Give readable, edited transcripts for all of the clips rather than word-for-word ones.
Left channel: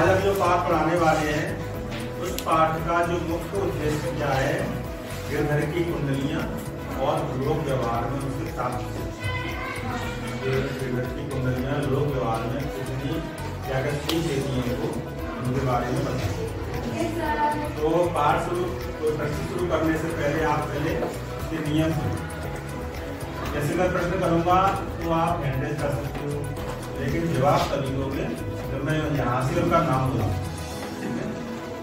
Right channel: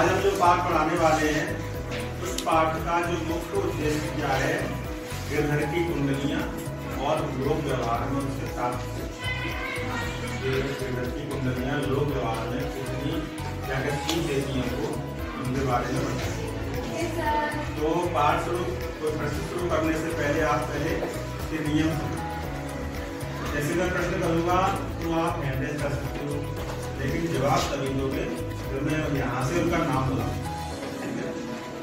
आज हम जो पाठ पढ़ाने वाले हैं उस पाठ का जो मुख्य उद्देश्य क्या है, गिरधर की कुंडलियां और लोक व्यवहार में उनसे प्राप्त शिक्षा। गिरधर की कुंडलियां लोक व्यवहार में कितनी क्या क्या सीख देती हैं उनको, उनके बारे में बताएंगे। तो पाठ कोई प्रश्न शुरू करने से पहले आप पहले इसके नियम सुनो। जैसे मैं प्रश्न करूंगा तो आप हैंडल कर सकते हो, लेकिन जवाब तभी दोगे जब मैं यहाँ से उनका नाम बुलाऊंगा, ठीक है।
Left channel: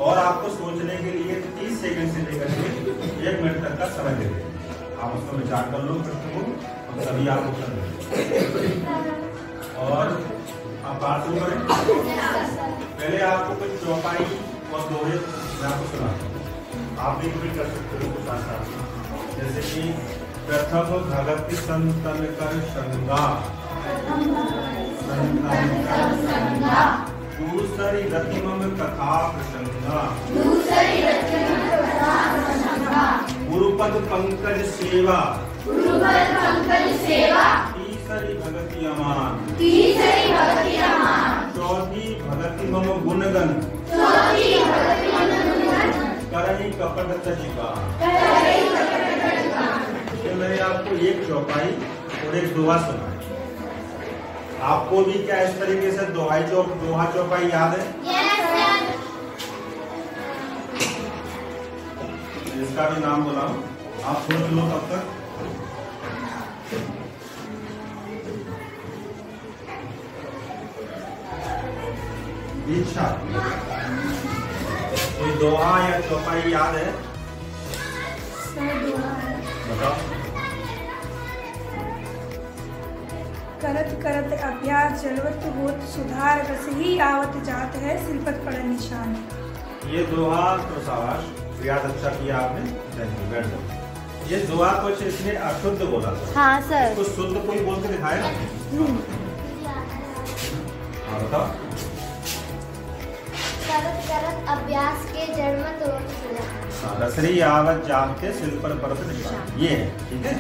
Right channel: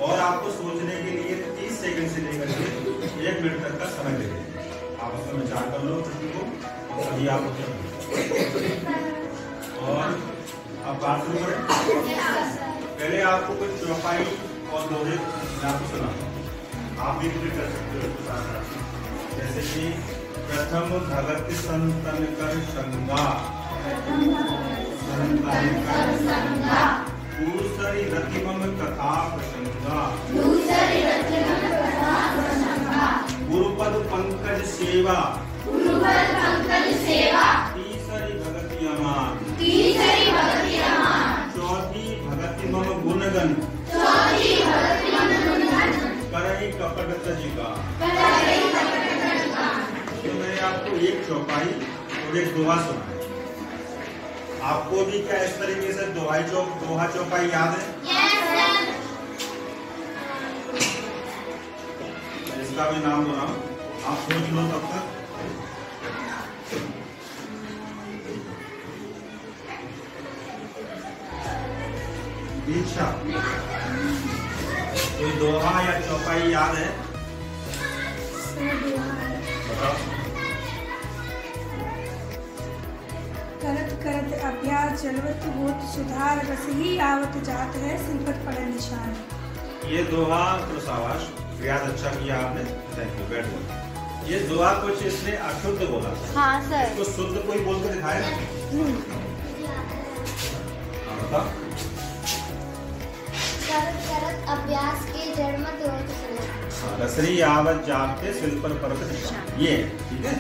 और आपको सोचने के लिए 30 सेकंड से लेकर के 1 मिनट तक का समय दे देंगे। आप उसका विचार कर लो प्रश्न को और सभी आप उत्तर दो। और अब बात शुरू करें। पहले आपको कुछ चौपाई और दोहे मैं आपको सुनाता हूँ, आप भी रिपीट कर सकते हो उसके साथ साथ। जैसे कि प्रथम भगत संतन कर संगा, दूसरी रतिमम कथा प्रसंगा, गुरुपद पंकज सेवा, तीसरी भगति अमान, चौथी भगति मम गुणगन, करई कपट तजिका। तो मैंने आपको एक चौपाई और एक दोहा सुना है। आपको भी क्या इस तरीके से दोहा चौपाई याद है? इसका भी नाम बोला हूं, आप सोच लो तब तक। दीक्षा, कोई दोहा या चौपाई याद है? बताओ। करत करत अभ्यास जलवत होत सुधार, रस ही आवत जात है सिलपत पड़ निशान। ये दोहा तो शाबाश, याद अच्छा किया आपने, थैंक यू, बैठ जाओ। ये दोहा कुछ इसने अशुद्ध बोला था। हाँ सर। इसको शुद्ध कोई बोल के दिखाए ना। हाँ बताओ। करत करत अभ्यास के जड़ मत होत सुधार, रसरी आवत जाते सिलपत पड़ निशान, ये है, ठीक है।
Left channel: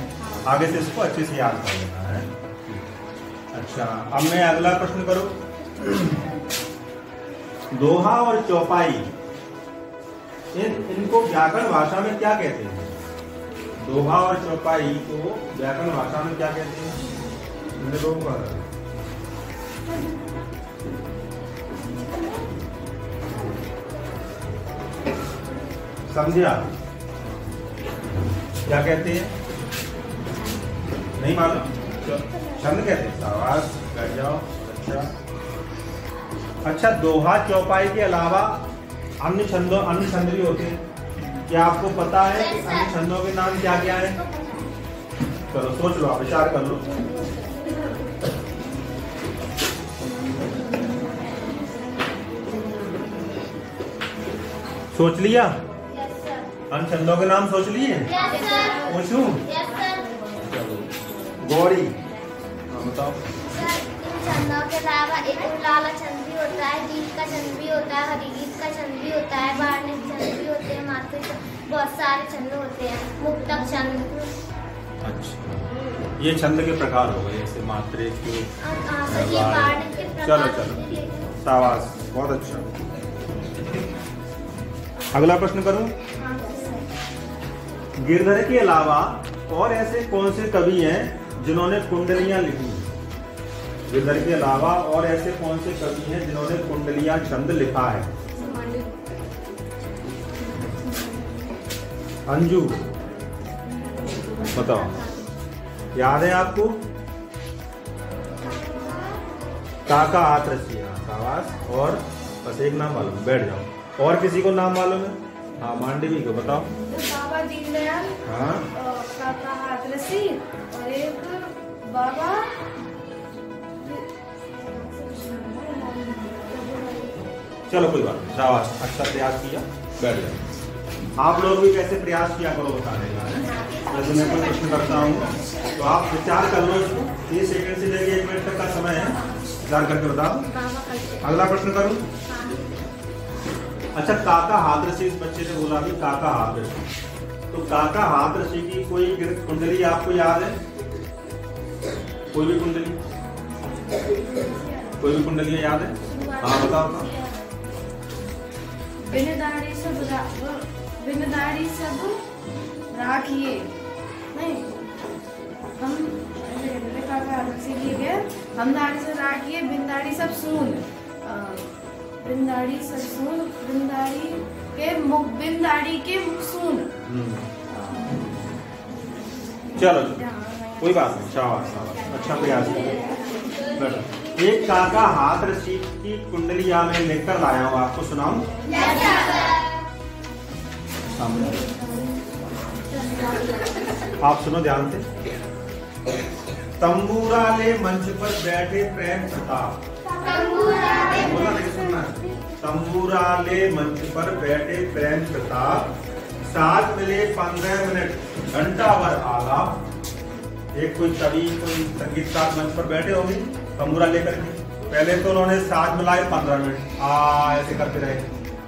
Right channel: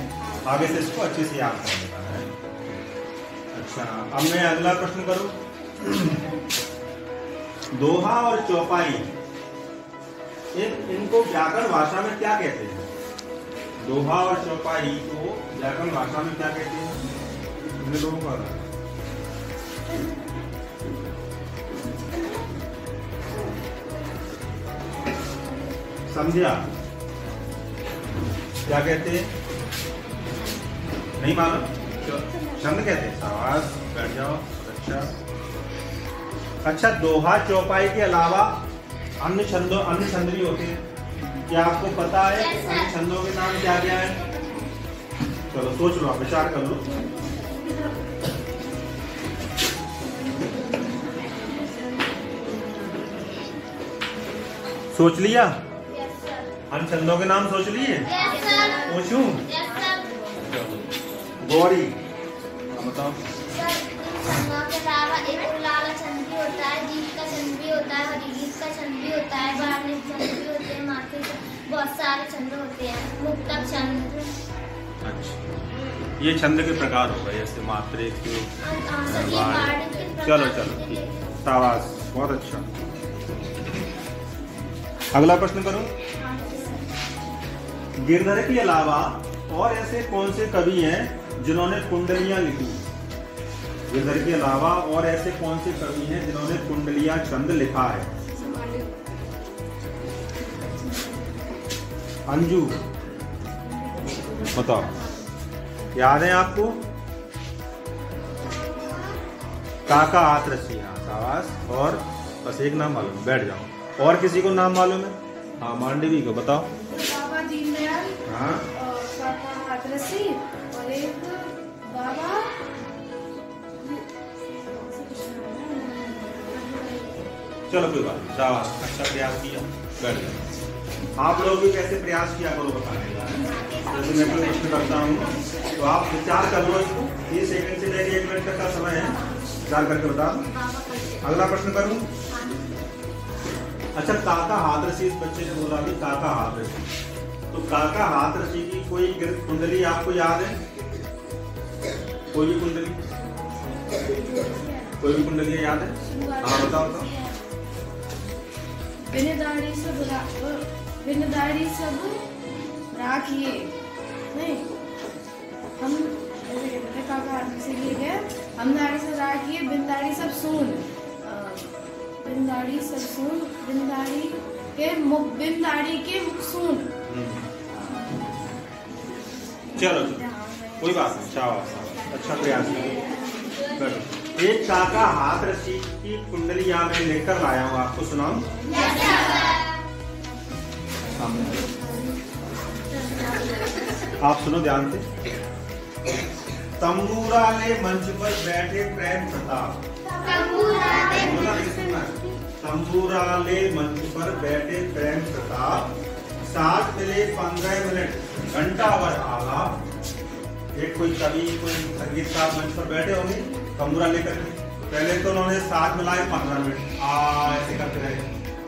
आगे से इसको अच्छे से याद कर लेना है। अच्छा, अब मैं अगला प्रश्न करूं। दोहा और चौपाई, इनको व्याकरण भाषा में क्या कहते हैं? दोहा और चौपाई को व्याकरण भाषा में क्या कहते हैं? इन लोगों को संध्या क्या कहते हैं? नहीं मालूम? छंद कहते हैं। शाबाश, बैठ जाओ। अच्छा, दोहा चौपाई के अलावा अन्य छंद भी होते हैं। क्या आपको पता है कि अन्य छंदों के नाम क्या क्या है? चलो सोच लो, विचार कर लो। सोच लिया? अन्य छंदों के नाम सोच लिए? पूछूं? गौरी, बताओ। छंदों के अलावा एक उल्लाला छंद भी होता है, गीत का छंद भी होता है, हरिगीत का छंद भी होता है, वार्णिक छंद भी होते हैं, मात्रिक, बहुत सारे छंद होते हैं, मुक्तक छंद। अच्छा, ये छंद के प्रकार हो गए, जैसे मात्रिक, ये वार्णिक के प्रकार। चलो शाबाश, बहुत अच्छा। अगला प्रश्न करूं। गिरधर के अलावा और ऐसे कौन से कवि हैं जिन्होंने कुंडलियां लिखी? गिरधर के अलावा और ऐसे कौन से कवि हैं जिन्होंने कुंडलियां छंद लिखा है? अंजू, बताओ, याद है आपको? काका हाथ रसिया, शाबाश। और बस एक नाम मालूम, बैठ जाओ। और किसी को नाम मालूम है? हाँ, मांडवी को बताओ। बाबा दीनदयाल, हाँ, काका हाथरसी, और एक बाबा चलो कोई बात नहीं, शाबाश, अच्छा प्रयास किया, बैठ जाओ। आप लोग भी कैसे प्रयास किया करो बताने का। जैसे मैं कोई प्रश्न करता हूँ तो आप विचार कर लो इसको, 30 सेकंड से लेकर 1 मिनट तक का समय है, विचार करके बताओ। अगला प्रश्न करूँ। अच्छा, काका हाथरसी, इस बच्चे ने बोला कि काका हाथरसी, तो काका हाथरसी की कोई कुंडली आपको याद है? कोई भी कुंडलियां याद है? हाँ बताओ। बिन दाढ़ी सब राखिए, नहीं हम ऐसे कहते थे, काका सीखिए गए, हम दाढ़ी से राखिए, बिन दाढ़ी सब सून, बिन दाढ़ी सब सून, बिन दाढ़ी के मुख सून। चलो कोई बात नहीं, शाबाश, अच्छा प्रयास करो। एक काका हाथ रसी की कुंडलिया में लेकर आया हूँ, आपको सुनाऊं? आप सुनो ध्यान से। तंबूरा ले मंच पर बैठे प्रेम प्रताप, बोला नहीं सुनना। तंबूरा ले मंच पर बैठे प्रेम प्रताप, साथ मिले 15 मिनट घंटा भर आलाप। एक कोई कवि कोई संगीतकार मंच पर बैठे होंगे तंबूरा लेकर के, पहले तो उन्होंने साथ मिलाए 15 मिनट ऐसे करते रहे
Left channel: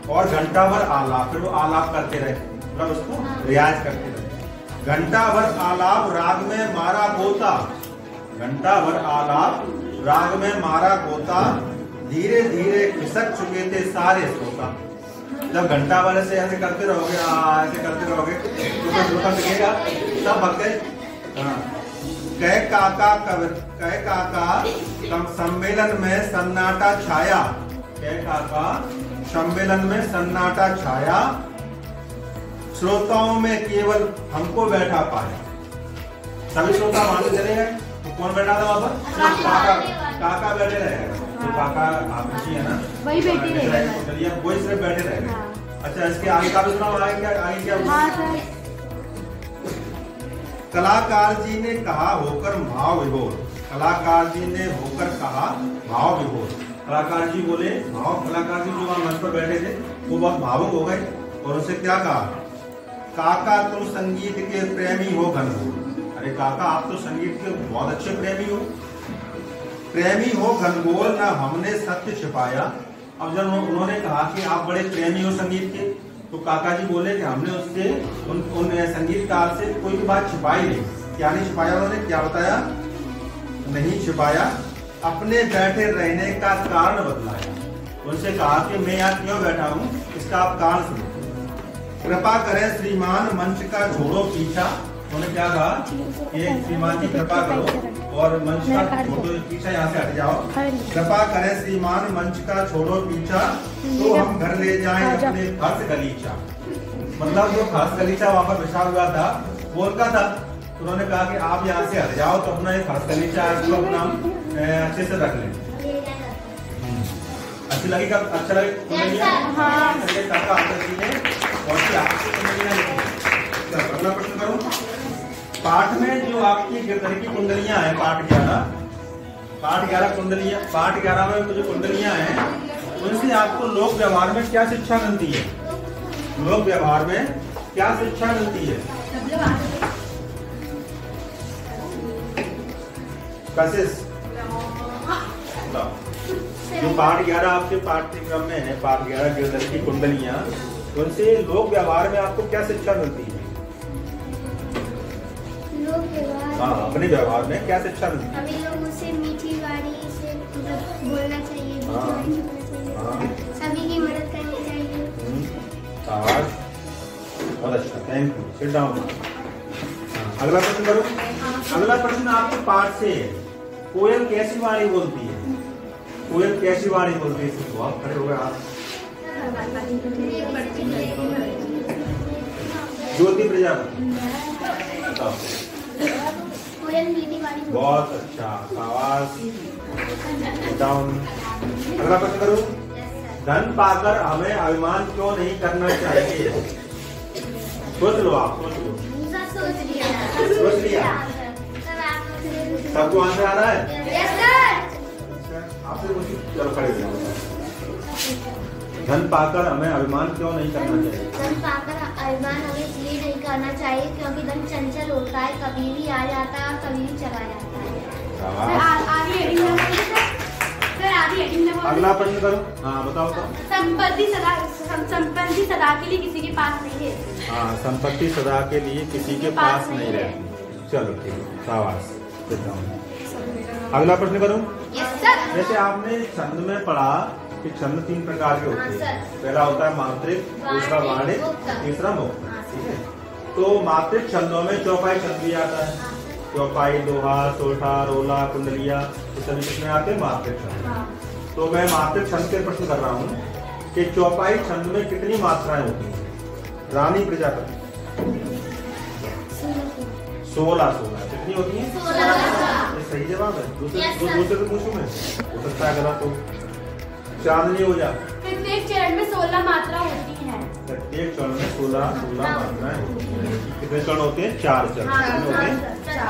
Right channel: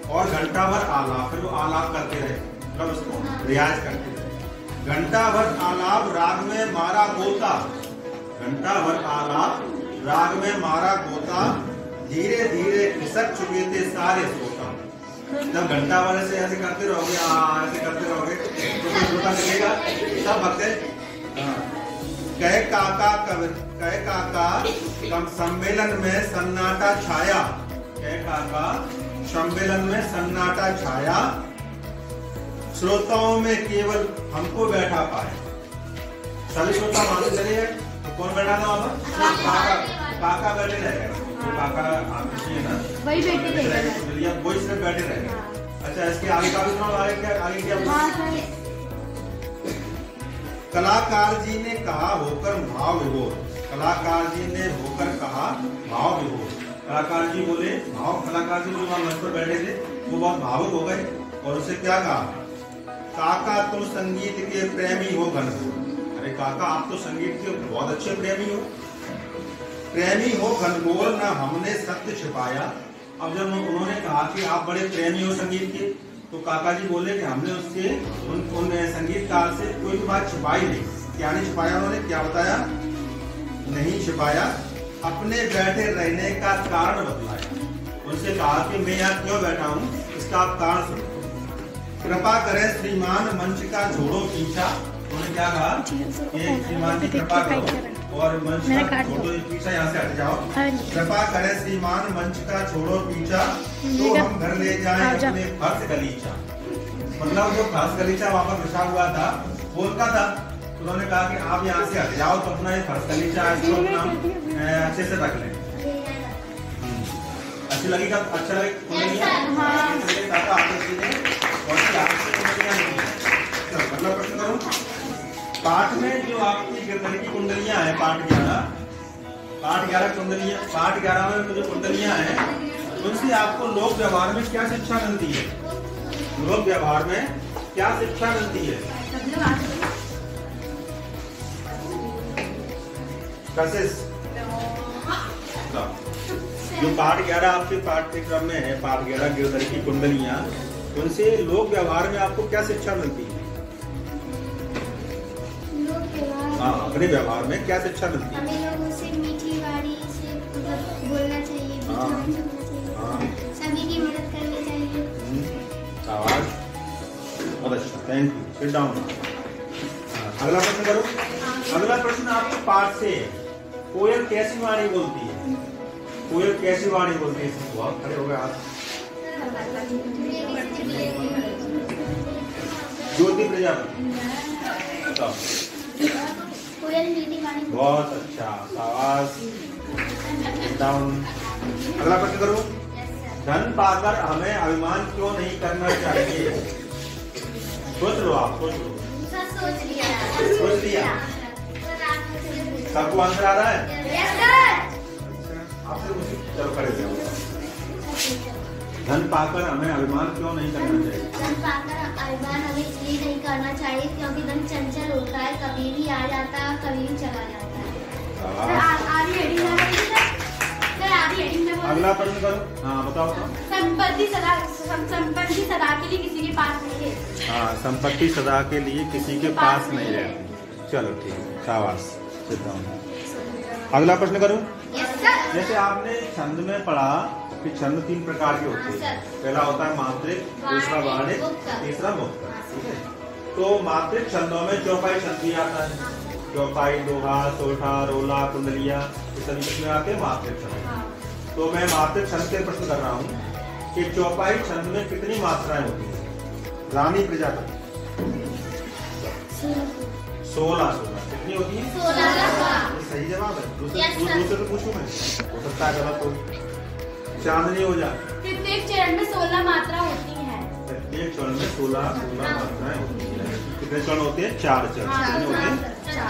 और घंटा भर आलाप, फिर वो आलाप करते रहे, मतलब उसको रियाज करते रहे। घंटा भर आलाप राग में मारा गोता, घंटा भर आलाप राग में मारा गोता, धीरे धीरे खिसक चुके थे सारे श्रोता। जब घंटा भर से ऐसे करते रहोगे, ऐसे करते रहोगे तो कोई श्रोता निकलेगा, सब भक्ते। कह काका कम सम्मेलन में सन्नाटा छाया, कह काका सम्मेलन में सन्नाटा छाया, श्रोताओं में केवल हमको बैठा पाया। सभी श्रोता वहां से चले गए, तो कौन बैठा था वहां पर? काका बैठे रहे, तो काका आप है ना, वही बैठे रहे, वही सिर्फ बैठे रहे। अच्छा, इसके आगे का भी सुनाओ, आगे क्या? कलाकार जी ने कहा होकर भाव विभोर, कलाकार जी ने होकर कहा भाव विभोर। कलाकार जी बोले, कलाकार जी जो वहां मंच पर बैठे थे वो बहुत भावुक हो गए और उससे क्या कहा? काका तुम संगीत के प्रेमी हो घनघोर। अरे काका आप तो संगीत के बहुत अच्छे प्रेमी हो घनघोर, न हमने सत्य छिपाया। अब जब उन्होंने कहा कि आप बड़े प्रेमी हो संगीत के, तो काका जी बोले कि हमने उससे उन संगीतकार से कोई भी बात छिपाई नहीं। क्या नहीं छिपाया? उन्होंने क्या बताया? नहीं छिपाया, अपने बैठे रहने का कारण बतलाया। उनसे कहा कि मैं यहाँ क्यों बैठा हूँ, इसका आप कारण सुनो। कृपा करें श्रीमान मंच का छोड़ो पीछा। उन्होंने क्या कहा कि श्रीमान जी कृपा करो और मंच का छोड़ो पीछा, यहाँ से हट जाओ। कृपा करें श्रीमान मंच का छोड़ो पीछा, तो हम घर ले जाएं अपने फर्श गलीचा। मतलब जो फर्श गलीचा वहाँ पर बिछा हुआ था वो उनका था। उन्होंने कहा कि आप यहाँ से हट जाओ तो अपना ये फर्श गलीचा इसको अपना अच्छे से रख लें। अच्छी लगेगा, अच्छा लगे कुंडलियाँ। अगला प्रश्न करूँ। पाठ में जो आपकी गिरधर की कुंडलियाँ हैं, पाठ 11 कुंडलियाँ, पाठ 11 में जो कुंडलियाँ हैं उनसे आपको लोक व्यवहार में क्या शिक्षा मिलती है? लोक व्यवहार में क्या शिक्षा मिलती है? कशिश जो पाठ 11 आपके पाठ्यक्रम में है, पाठ 11 गिरधर की कुंडलियाँ, उनसे लोक व्यवहार में आपको क्या शिक्षा मिलती है? हाँ, अपने व्यवहार में क्या शिक्षा मिलती है? हमें लोगों से मीठी वाणी से मतलब बोलना चाहिए, मीठी वाणी से बोलना चाहिए, सभी की मदद करनी चाहिए। अच्छा, थैंक यू। Sit down. अगला प्रश्न करो। अगला प्रश्न आपके पाठ से, कोयल कैसी वाणी बोलती है? कोयल कैसी वाणी बोलती है? इसको आप खड़े हो गए आप। ज्योति प्रजापति। कोयल मीठी वाणी। बहुत अच्छा, शाबाश। डाउन। अगला प्रश्न करो। धन पाकर हमें अभिमान क्यों नहीं करना चाहिए? सोच लो, आप सोच लो। सोच लिया? सबको आंसर आ रहा है? आपसे चलो खड़े जाओ। धन पाकर हमें अभिमान क्यों नहीं करना चाहिए? धन पाकर अभिमान हमें इसलिए नहीं करना चाहिए क्योंकि धन चंचल होता है, कभी भी आ जाता है, कभी भी चला जाता है। अगला प्रश्न करो। हाँ बताओ तो। संपत्ति सदा के लिए किसी के पास नहीं है। हाँ, संपत्ति सदा के लिए किसी के पास नहीं है। चलो ठीक है, शाबाश। अगला प्रश्न करूं। जैसे आपने छंद में पढ़ा कि छंद 3 प्रकार के होते हैं। पहला होता है मात्रिक, दूसरा वाणिक, तीसरा मुक्त। ठीक है, तो मात्रिक छंदों में चौपाई छंद भी आता है। चौपाई, दोहा, सोठा, रोला, कुंडलिया, ये सभी किसमें आते हैं? मात्रिक छंद। तो मैं मात्रिक छंद के प्रश्न कर रहा हूँ कि चौपाई छंद में कितनी मात्राएं होती हैं? रानी प्रजापति 16 कितनी होती है? 16। सही जवाब है। दूसरे पूछूं मैं, हो सकता है गलत हो। चांदनी हो जा। प्रत्येक चरण में 16 मात्रा होती है। प्रत्येक चरण में 16 मात्राएं होती है। कितने चरण होते हैं? 4 चरण होते हैं,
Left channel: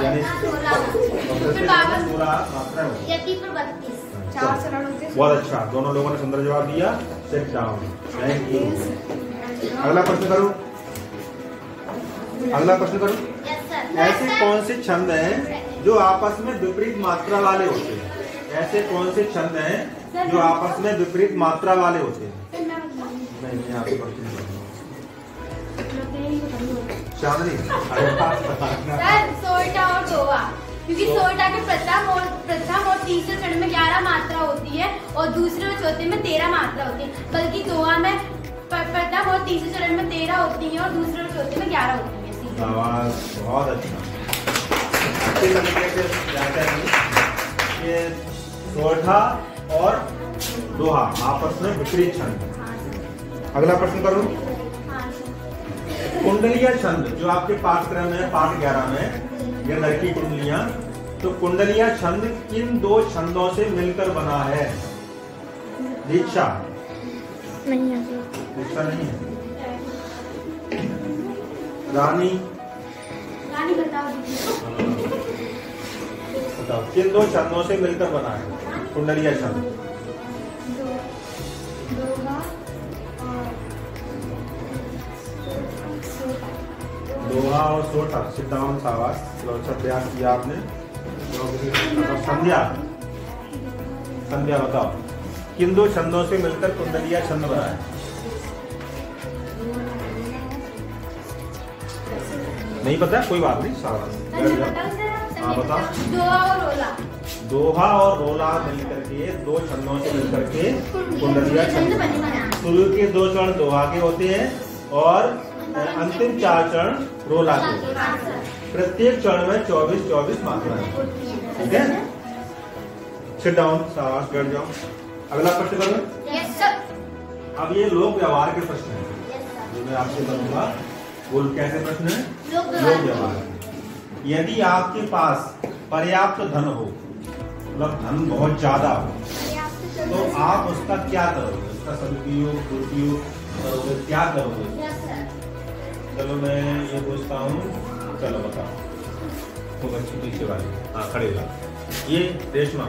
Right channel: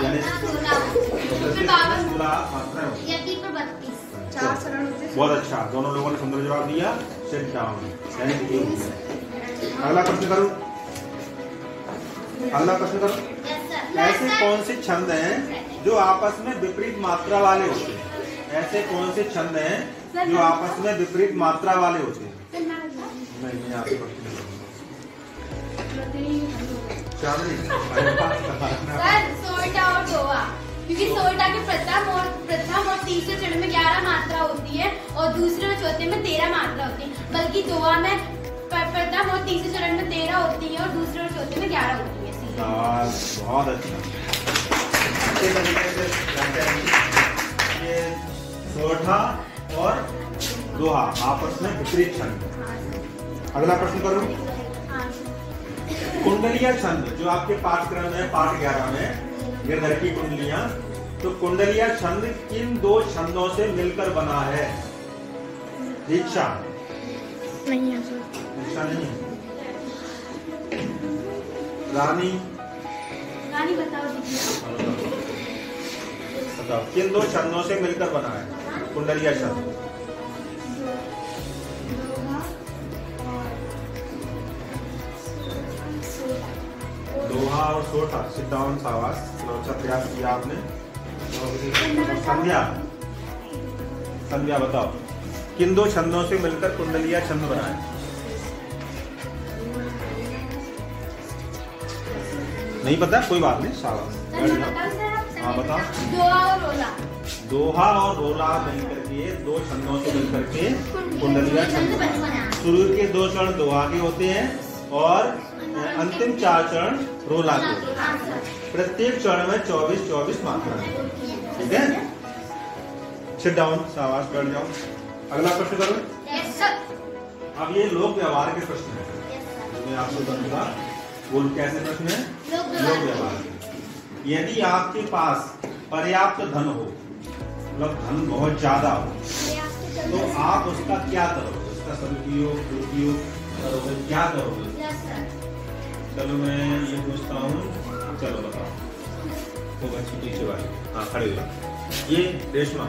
यानी 16 मात्राएं होती है। 4 चरण होते हैं। बहुत अच्छा, दोनों लोगों ने सुंदर जवाब दिया। सिर्फ डाउन। अगला प्रश्न करो। अगला प्रश्न करो। ऐसे कौन से छंद हैं जो आपस में विपरीत मात्रा वाले होते हैं? ऐसे कौन से छंद हैं जो आपस में विपरीत मात्रा वाले होते हैं? नहीं, आपके प्रश्न चांदनी। सर सोल्टा और दोहा, क्योंकि सोल्टा के प्रथम और तीसरे चरण में 11 मात्रा होती है और दूसरे और चौथे में 13 मात्रा होती है, बल्कि दोहा में प्रथम और तीसरे चरण में 13 होती है और दूसरे और चौथे में 11 होती है। बहुत अच्छा। ये सोठा और दोहा आपस में विपरीत छंद। अगला प्रश्न करूं। कुंडलिया छंद जो आपके पाठ्यक्रम में पाठ 11 में गिरधर की कुंडलियां, तो कुंडलिया छंद किन 2 छंदों से मिलकर बना है? दीक्षा नहीं है। दीक्षा नहीं है। रानी बताओ। बताओ किन 2 छंदों से मिलकर बना है कुंडलिया छंद? दोहा और सोठा। सिद्धांत सावास, अच्छा प्रयास किया आपने। संध्या बताओ किन 2 छंदों से मिलकर कुंडलिया छंद बना है? नहीं पता? कोई बात नहीं, शाबाश। हाँ बताओ। दोहा और रोला। दोहा और रोला मिलकर के 2 छंदों से मिलकर के कुंडलिया छंद बनता है। शुरू के 2 चरण दोहा के होते हैं और अंतिम 4 चरण रोला के। प्रत्येक चरण में 24 मात्राएं। ठीक है, सिट डाउन, शाबाश, बैठ जाओ। अगला प्रश्न करो। अब ये लोक व्यवहार के प्रश्न है जो मैं आपसे करूंगा। वो कैसे प्रश्न है? लोक व्यवहार। यदि आपके पास पर्याप्त धन हो, मतलब धन बहुत ज्यादा हो, तो आप उसका क्या करोगे? उसका सदुपयोग, दुरुपयोग करोगे, क्या करोगे? चलो मैं ये पूछता हूँ। चलो बताओ। वो बच्ची पीछे वाली, हाँ खड़े हो जाओ। ये रेशमा।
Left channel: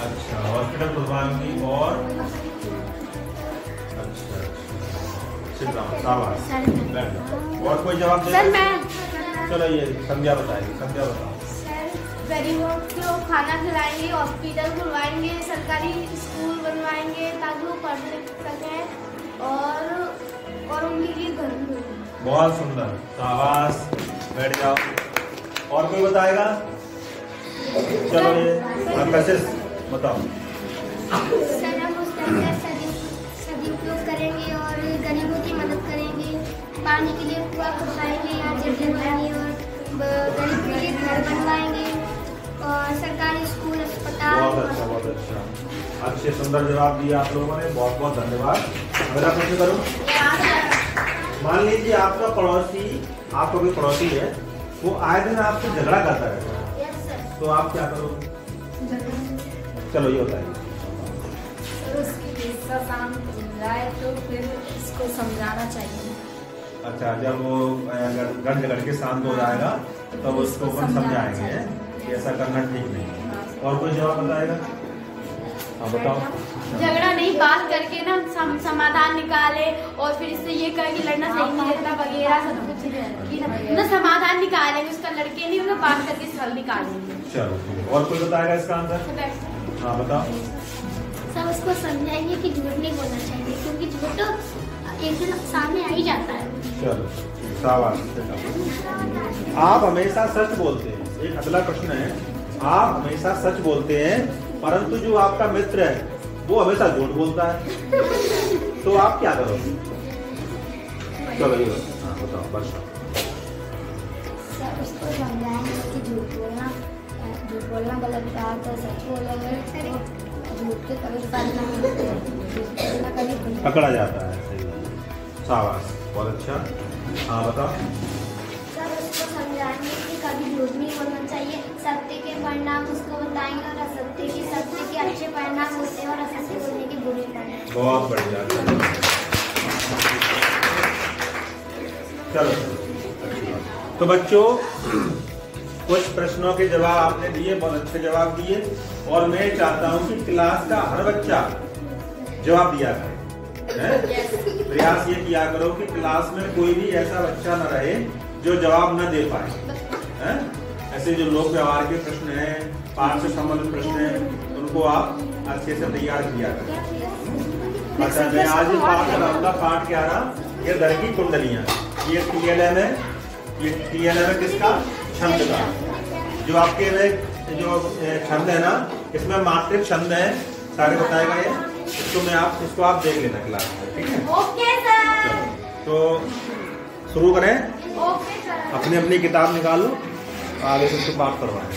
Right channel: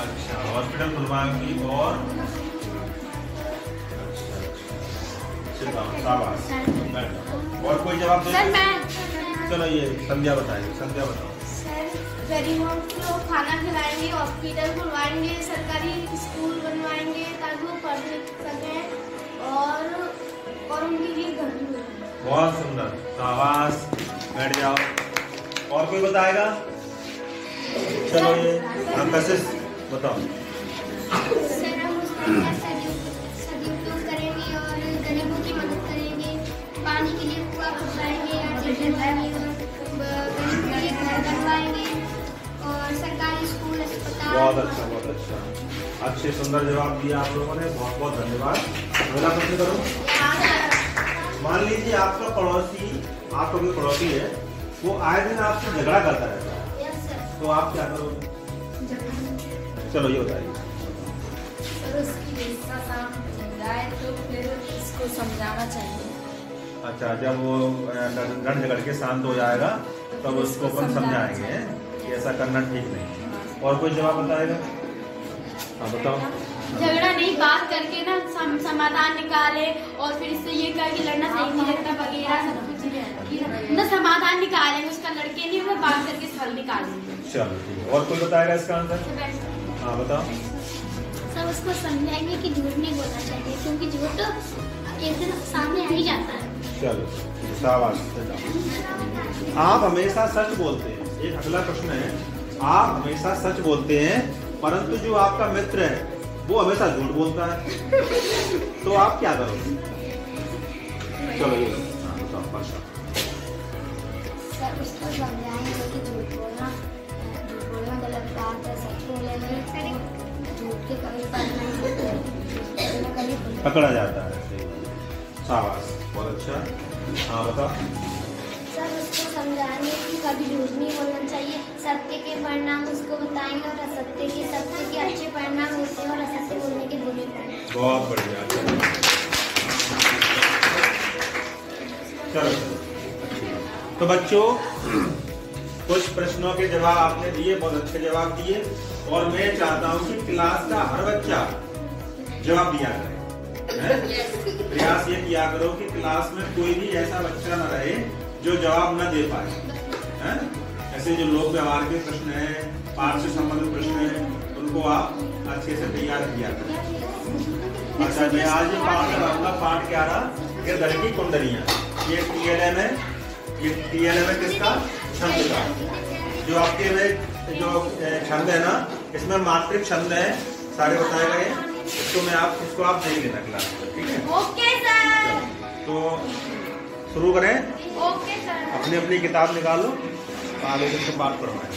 अच्छा, हॉस्पिटल खुलवाएंगी और और कोई जवाब दो? चलो ये संध्या बताएंगे। संध्या बताओ। गरीबों को खाना खिलाएंगे, हॉस्पिटल खुलवाएंगे, सरकारी स्कूल बनवाएंगे ताकि वो पढ़ लिख सकें और उनके लिए घर भी बनाएंगे। बहुत सुंदर, शाबाश, बैठ जाओ। और कोई बताएगा? चलो ये बताओ। सर हम उस टाइम का सदुपयोग करेंगे और गरीबों की मदद करेंगे, पानी के लिए कुआं खुदवाएंगे और गरीब के लिए घर बनवाएंगे और सरकारी स्कूल, अस्पताल। बहुत अच्छा, बहुत अच्छा, अच्छे सुंदर जवाब दिया आप लोगों ने। बहुत बहुत धन्यवाद। अगला प्रश्न करो। मान लीजिए आपका पड़ोसी, आपका कोई पड़ोसी है, वो आए दिन आपसे झगड़ा करता रहता है, तो आप क्या करोगे? चलो ये बताइए। उसकी जाए तो फिर इसको समझाना चाहिए। अच्छा, जब वो लड़ झगड़ के शांत हो जाएगा तब उसको हम समझाएंगे कि ऐसा करना ठीक नहीं। और कोई जवाब बताएगा? हाँ बताओ। झगड़ा नहीं, बात करके ना समाधान निकाले और फिर इससे ये कहे कि लड़ना सही नहीं रहता वगैरह सब कुछ ना समाधान निकालेंगे उसका, लड़के नहीं उसका बात करके हल निकालेंगे। चलो ठीक है। और कोई बताएगा इसका आंसर? हाँ बताओ। सब उसको समझाएंगे कि झूठ नहीं बोलना चाहिए, क्योंकि झूठ तो एक दिन सामने आ ही जाता है। चलो शाबाश। आप हमेशा सच बोलते हैं। एक अगला प्रश्न है, आप हमेशा सच बोलते हैं परंतु जो आपका मित्र है वो हमेशा झूठ बोलता है, तो आप क्या करोगे? चलो ये बस। सर उसको समझाएंगे कि झूठ बोलना गलत बात है, सच बोलेंगे तो झूठ के कभी फल नहीं होते, पकड़ा जाता है। सही बात। शाबाश, बहुत अच्छा। हाँ बताओ। सर उसको समझाएंगे कि कभी झूठ नहीं बोलना चाहिए, सत्य के परिणाम उसको बताएंगे और असत्य के अच्छे परिणाम होते हैं और असत्य बोलने के बुरे परिणाम। बहुत बढ़िया। चलो तो बच्चों, कुछ प्रश्नों के जवाब आपने दिए, बहुत अच्छे जवाब दिए, और मैं चाहता हूं कि क्लास का हर बच्चा जवाब दिया करे। प्रयास ये किया करो कि क्लास में कोई भी ऐसा बच्चा न रहे जो जवाब न दे पाए। ऐसे जो लोक व्यवहार के प्रश्न हैं, पाठ से संबंधित प्रश्न हैं, उनको आप अच्छे से तैयार किया करो। अच्छा, मैं आज ये पाठ कराऊंगा। पाठ क्या रहा? ये घर की कुंडलियां। ये TLM है। ये TLM है किसका? छंद का। जो आपके जो छंद है ना, इसमें मात्रिक छंद है, सारे बताए गए। इसको आप देख लेना क्लास में, ठीक है? Okay sir. तो शुरू करें। Okay sir. अपनी अपनी किताब निकालो, आगे से बात करवाएं।